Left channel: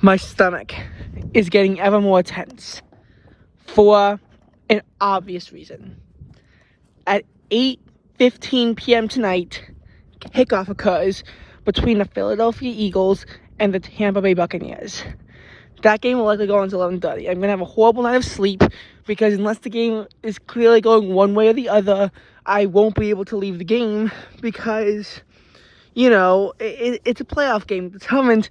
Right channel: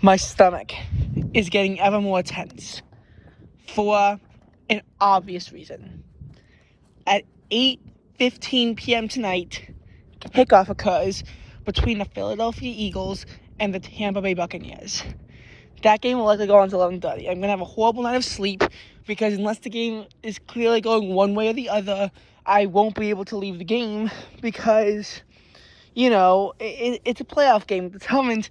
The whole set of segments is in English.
My stomach is getting ever more tense for an obvious reason. At 8:15 p.m. tonight, kickoff occurs between the Philadelphia Eagles and the Tampa Bay Buccaneers. That game will likely go on until 11:30. I'm going to have a horrible night of sleep because unless the game is clearly going one way or the other, I won't be able to leave the game because, it's a playoff game. It determines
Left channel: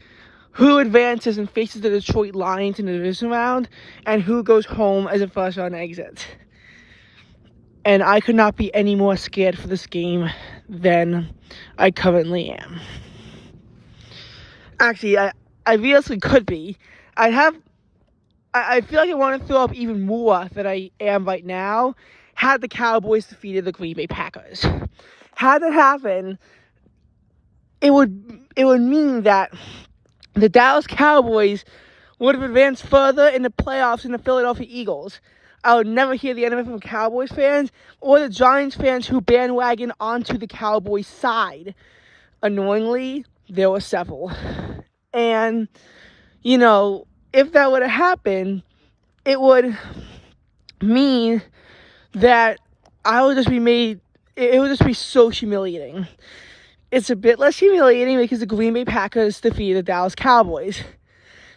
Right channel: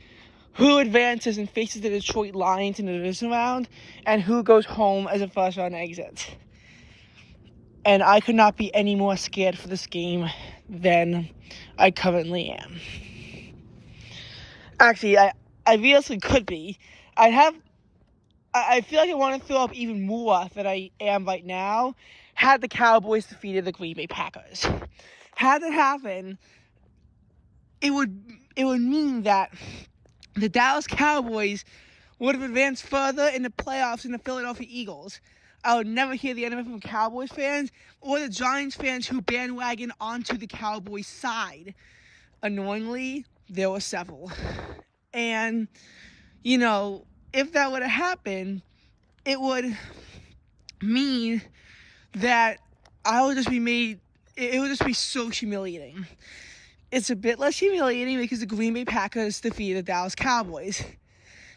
who advances and faces the Detroit Lions in the division round and who goes home as a first-round exit. And I could not be any more scared for this game than I currently am. Actually, I realistically could be. I feel like I want to throw up even more than I am right now had the Cowboys defeated the Green Bay Packers. Had that happen, it would mean that the Dallas Cowboys would have advanced further in the playoffs than the Philadelphia Eagles. I would never hear the end of it from Cowboys fans or the Giants fans who bandwagon onto the Cowboys side. Annoyingly, there were several. And, if that would have happened, it would mean that I would just be made, it would just be so humiliating. It's a bit less humiliating because the Green Bay Packers defeated the Dallas Cowboys.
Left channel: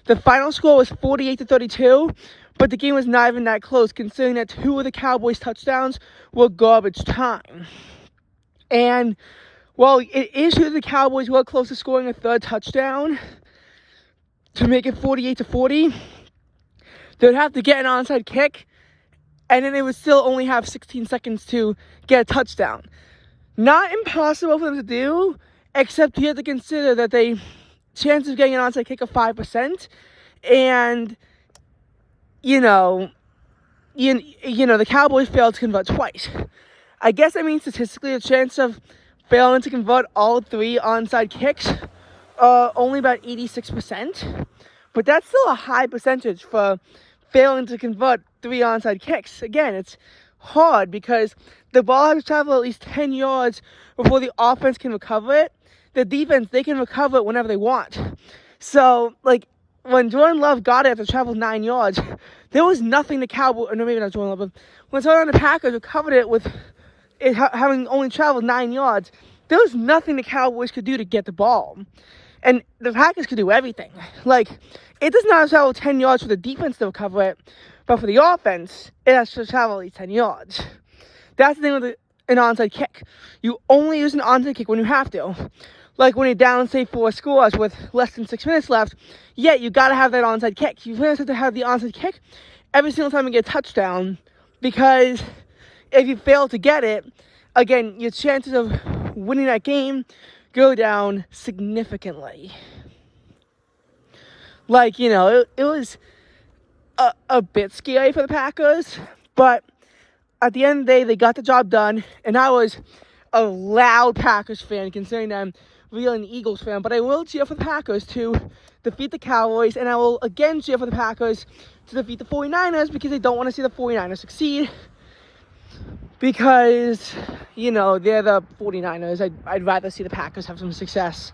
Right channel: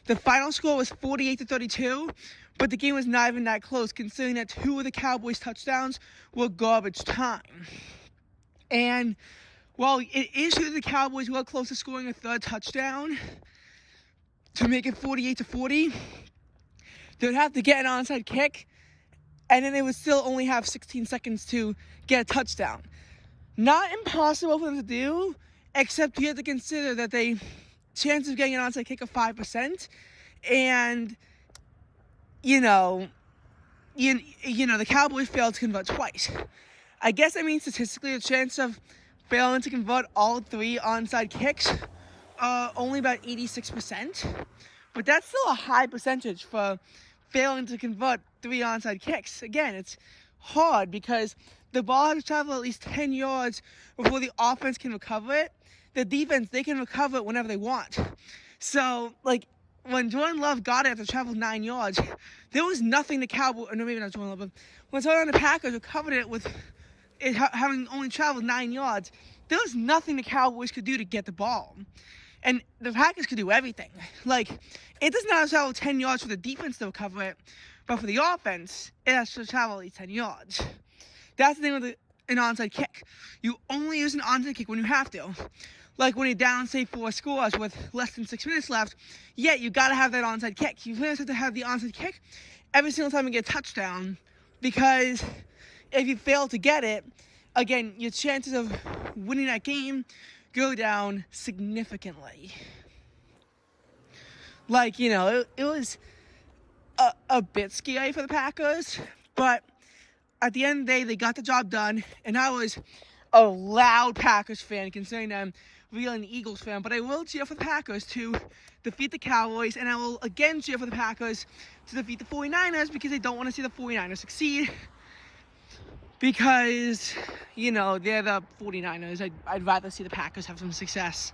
The final score was 48-32, but the game was not even that close considering that two of the Cowboys' touchdowns were garbage time. And while it is true the Cowboys were close to scoring a third touchdown to make it 48-40, they'd have to get an onside kick, and then they would still only have 16 seconds to get a touchdown. Not impossible for them to do, except you have to consider that they chance of getting an onside kick of 5%, and the Cowboys failed to convert twice. I guess that means statistically the chance of failing to convert all three onside kicks only about 86%, but that's still a high percentage for failing to convert three onside kicks. Again, it's hard because the ball has to travel at least 10 yards before the offense can recover it. The defense, they can recover it whenever they want. So, when Jordan Love got it after travel 9 yards, there was nothing the Cowboys, or no, maybe not Jordan Love, but when someone on the Packers recovered it with it having only traveled 9 yards, there was nothing the Cowboys could do to get the ball. And the Packers could do everything. It does not travel 10 yards for the defense to recover it, but for the offense, it has to travel at least 10 yards. That's the thing with an onside kick. You only use an onside kick when you have to. When you're down, say, 4 scores with less than 6 minutes left, you got to have that onside kick. You have to have the onside kick every single time you get a touchdown, because if you fail to get it, again, your chances of winning that game go down significantly. It was a bit scary for the Packers, but at the end of the day, they got the job done, and I was a loud Packers fan considering I'm really an Eagles fan, but I will cheer for the Packers to defeat the Cowboys, and I will again cheer for the Packers to defeat the 49ers because I don't want to see the 49ers succeed because, they're the 49ers. I'd rather see the Packers have some success.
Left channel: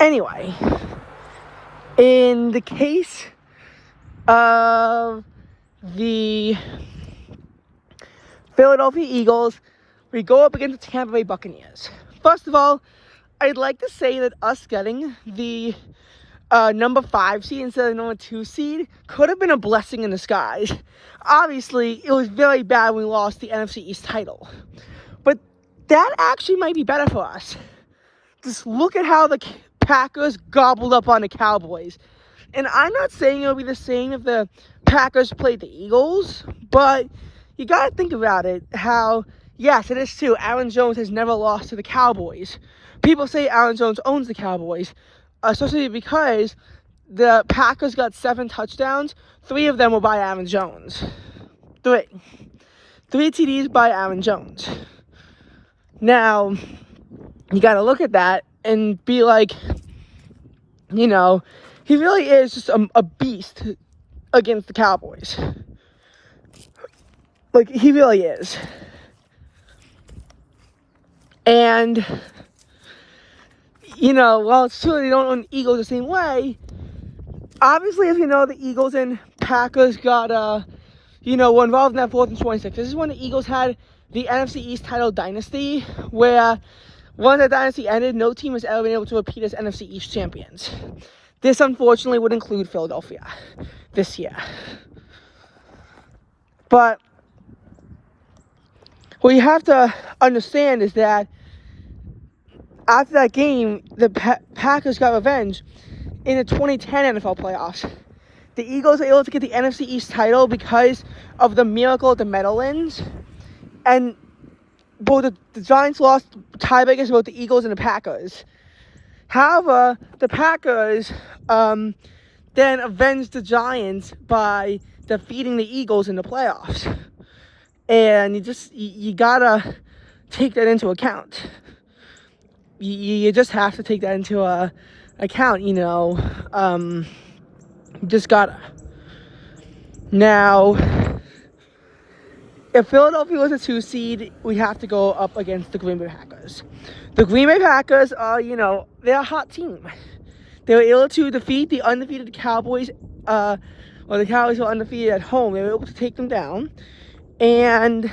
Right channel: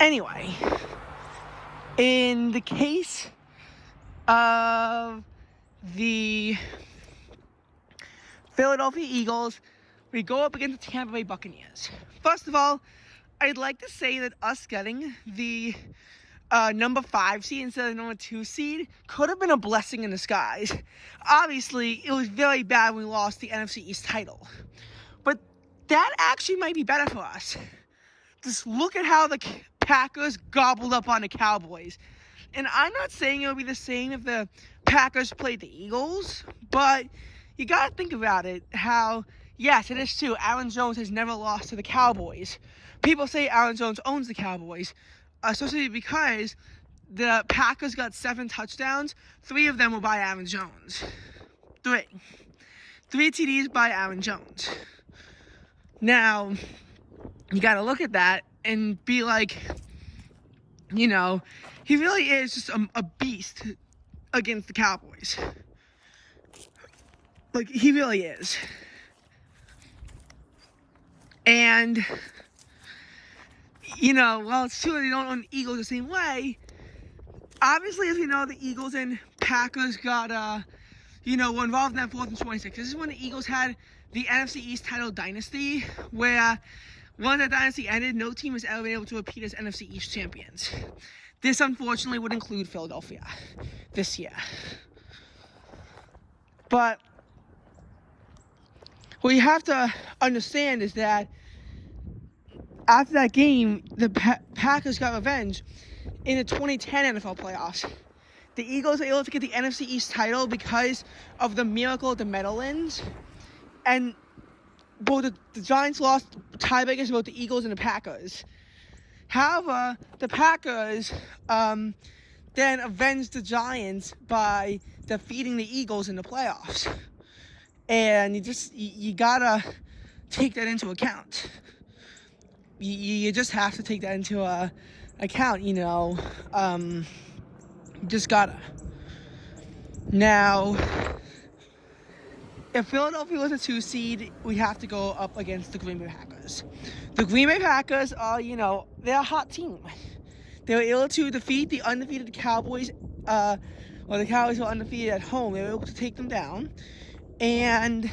Anyway, in the case of the Philadelphia Eagles, we go up against the Tampa Bay Buccaneers. First of all, I'd like to say that us getting the number 5 seed instead of the number 2 seed could have been a blessing in disguise. Obviously, it was very bad when we lost the NFC East title. But that actually might be better for us. Just look at how the Packers gobbled up on the Cowboys. And I'm not saying it'll be the same if the Packers played the Eagles, but you got to think about it, how, yes, it is true, Aaron Jones has never lost to the Cowboys. People say Aaron Jones owns the Cowboys, especially because the Packers got 7 touchdowns. 3 of them were by Aaron Jones. 3 TDs by Aaron Jones. Now, you got to look at that and be like, he really is just a beast against the Cowboys. He really is. And, you know, while it's true they don't own the Eagles the same way, obviously, as you know, the Eagles and Packers got, were involved in that 4th and 26. This is when the Eagles had the NFC East title dynasty, where once the dynasty ended, no team has ever been able to repeat as NFC East champions. This, unfortunately, would include Philadelphia this year. But what you have to understand is that after that game, the Packers got revenge in the 2010 NFL playoffs. The Eagles were able to get the NFC East title because of the miracle at the Meadowlands. And both the Giants lost tiebreakers about the Eagles and the Packers. However, the Packers then avenged the Giants by defeating the Eagles in the playoffs. And you gotta take that into account. You just have to take that into account, just gotta. Now, if Philadelphia was a 2 seed, we have to go up against the Green Bay Packers. The Green Bay Packers are, they're a hot team. They were able to defeat the undefeated Cowboys. The Cowboys were undefeated at home. They were able to take them down. And,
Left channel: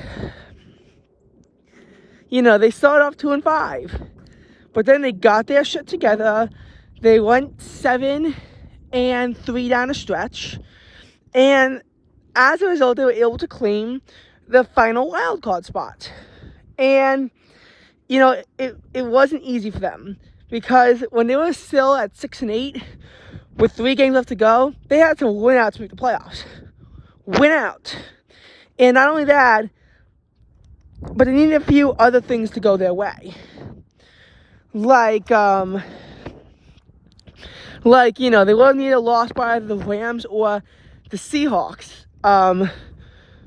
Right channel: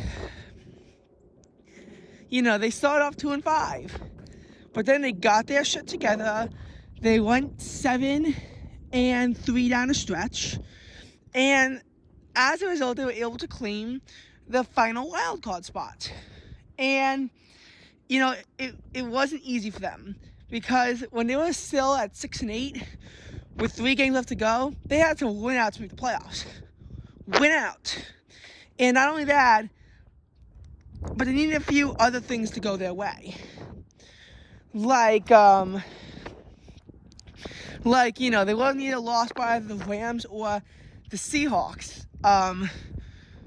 they started off 2-5. But then they got their shit together. They went 7-3 down the stretch. And as a result, they were able to claim the final wild card spot. And, it wasn't easy for them. Because when they were still at 6-8, with 3 games left to go, they had to win out to make the playoffs. Win out. And not only that, but they needed a few other things to go their way. Like, they wouldn't need a loss by either the Rams or the Seahawks.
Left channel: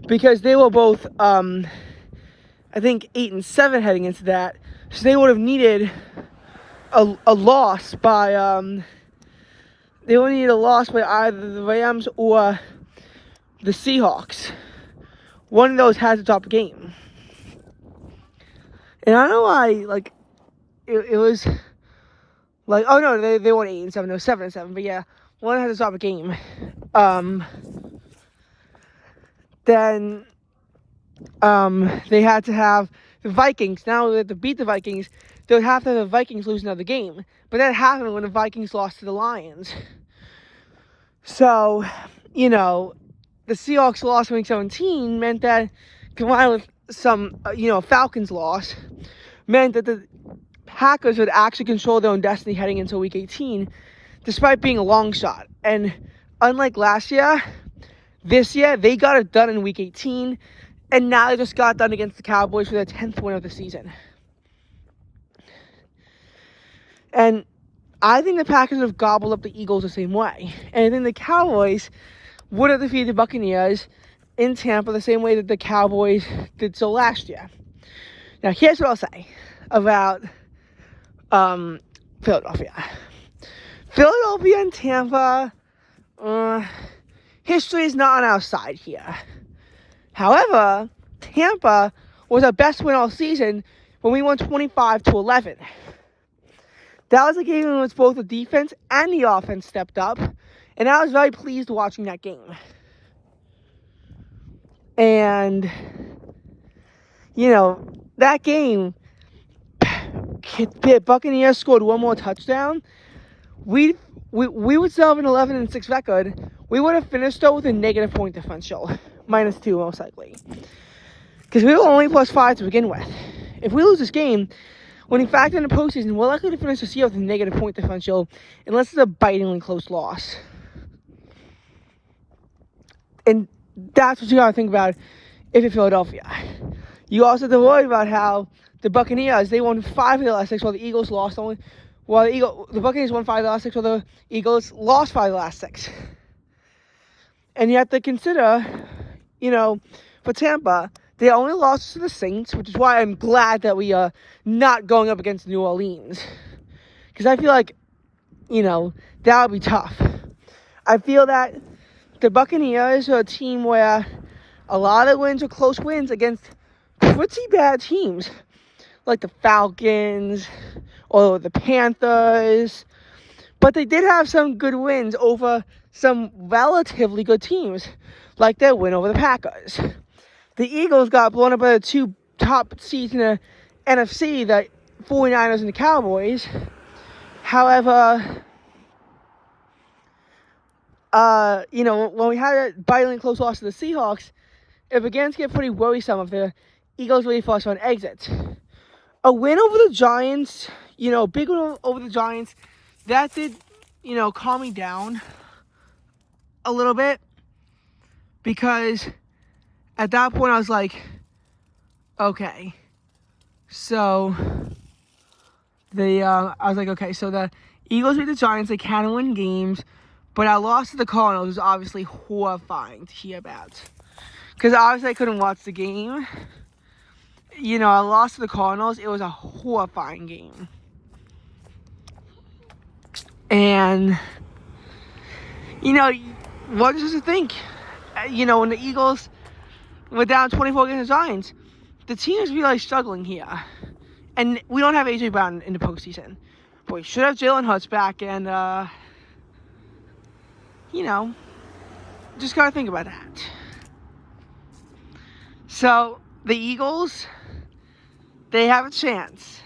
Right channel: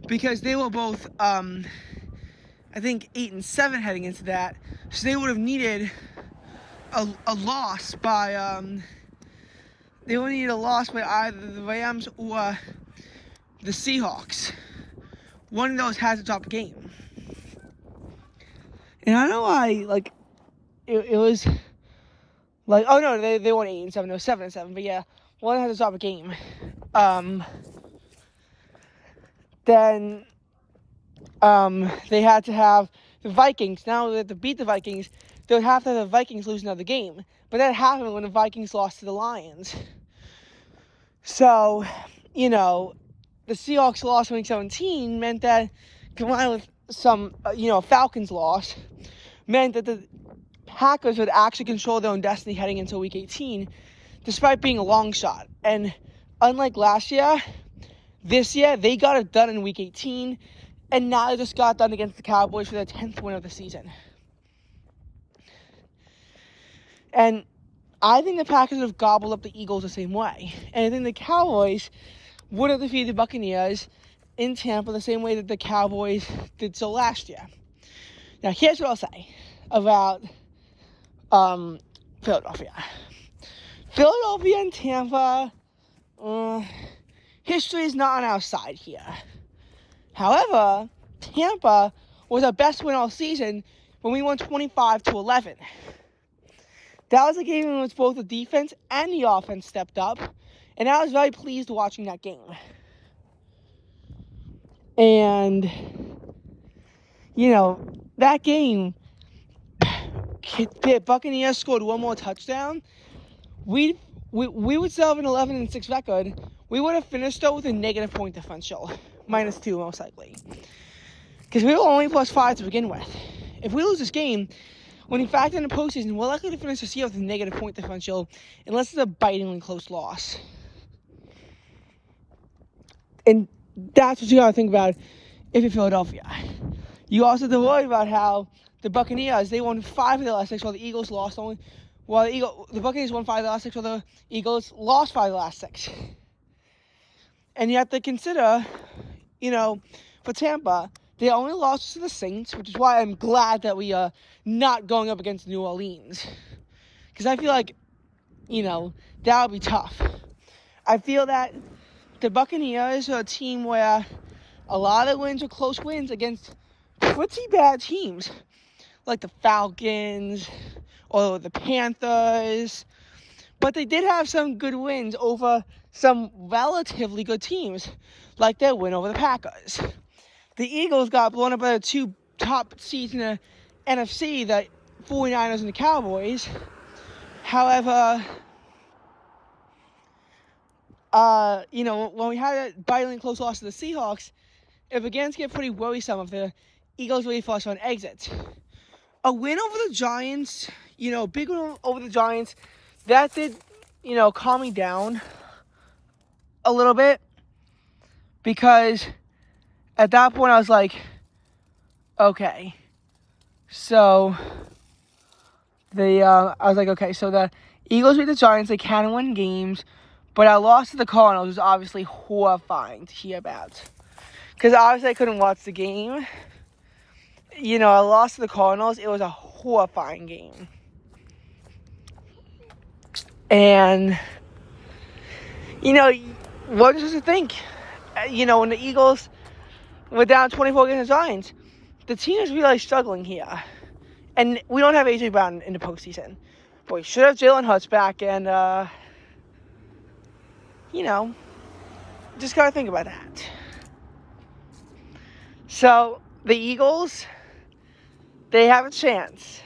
Because they were both, I think, 8-7 heading into that. So they would have needed a loss by, they would need a loss by either the Rams or the Seahawks. One of those has to drop a game. And I don't know why, it was oh no, they weren't 8-7, they were 7-7, but yeah, one had to drop a game. Then they had to have the Vikings. Now that to beat the Vikings, they would have to have the Vikings lose another game. But that happened when the Vikings lost to the Lions. So, the Seahawks loss in Week 17 meant that, combined with some, Falcons loss, meant that the Packers would actually control their own destiny heading into Week 18, despite being a long shot. And unlike last year, this year, they got it done in Week 18, and now they just got done against the Cowboys for their 10th win of the season. And I think the Packers have gobbled up the Eagles the same way. And I think the Cowboys would have defeated the Buccaneers in Tampa the same way that the Cowboys did so last year. Now, here's what I'll say about Philadelphia. Philadelphia and Tampa, history is not on our side here. However, Tampa was our best win all season when we won 25-11. That was a game in which both the defense and the offense stepped up, and I was very pleased watching that game. And, that game, Buccaneers scored one more touchdown. We would still have an 11-6 record. We would have finished, though, with a negative point differential. -2, most likely. Because we were only +5 to begin with. If we lose this game, when you factor in the postseason, we're likely to finish this year with a negative point differential, unless it's a bitingly close loss. And that's what you gotta think about if you're Philadelphia. You also have to worry about how the Buccaneers, they won 5 of the last 6, while the Eagles lost only. While the Buccaneers won 5 of the last 6, while the Eagles lost 5 of the last 6. And you have to consider, for Tampa, they only lost to the Saints, which is why I'm glad that we are not going up against New Orleans. Because I feel like, that would be tough. I feel that the Buccaneers are a team where a lot of wins are close wins against pretty bad teams. like the Falcons or the Panthers. But they did have some good wins over some relatively good teams, like their win over the Packers. The Eagles got blown up by the two top seeds in the NFC, the 49ers and the Cowboys. However, when we had a bitterly close loss to the Seahawks, it began to get pretty worrisome if the Eagles really forced an exit. A win over the Giants, big win over the Giants, that did, calm me down a little bit, because at that point I was like, okay, so the Eagles beat the Giants, they kind of win games, but our loss to the Cardinals was obviously horrifying to hear about, because obviously I couldn't watch the game. I lost to the Cardinals. It was a horrifying game. And, what does you think? When the Eagles were down 24 against the Giants, the team is really struggling here. And we don't have A.J. Brown in the postseason. But we should have Jalen Hurts back, and, just gotta think about that. So, the Eagles, they have a chance.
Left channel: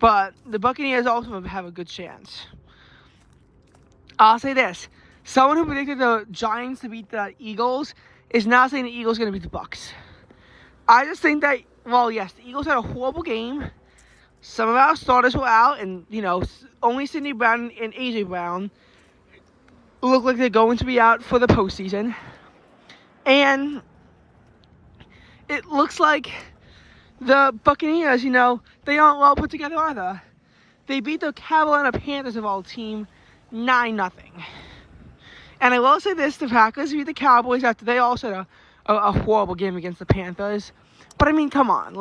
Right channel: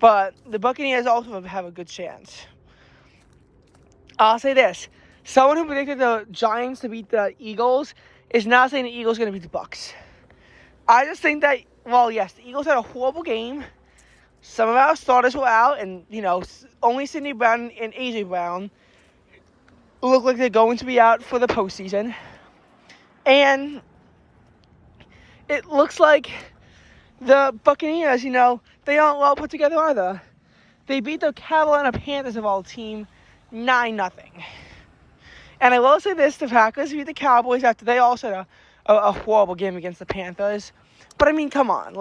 But the Buccaneers also have a good chance. I'll say this. Someone who predicted the Giants to beat the Eagles is not saying the Eagles are going to beat the Bucs. I just think that, yes, the Eagles had a horrible game. Some of our starters were out, and, only Sidney Brown and A.J. Brown look like they're going to be out for the postseason. And it looks like the Buccaneers, they aren't well put together either. They beat the Carolina Panthers of all team 9-0. And I will say this, the Packers beat the Cowboys after they also had a horrible game against the Panthers. But, come on,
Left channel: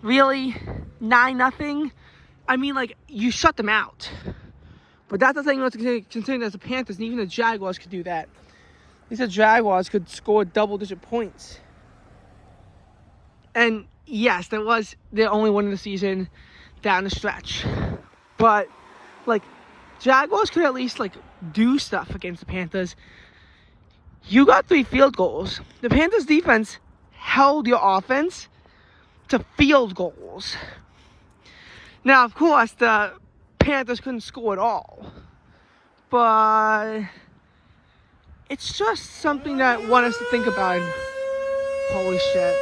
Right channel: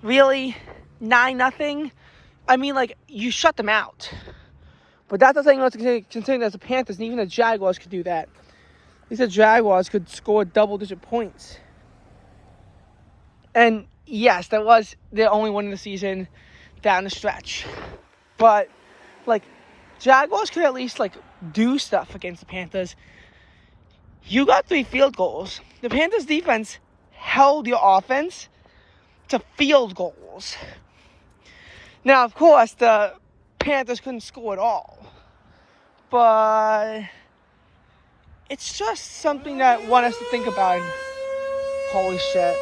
really? 9-0? You shut them out. But that's not saying let's consider that the Panthers, and even the Jaguars could do that. At least the Jaguars could score double-digit points. And, yes, that was their only win of the season down the stretch. But, Jaguars could at least, do stuff against the Panthers. You got 3 field goals. The Panthers' defense held your offense to field goals. Now, of course, the Panthers couldn't score at all. But it's just something that I want us to think about. Holy shit.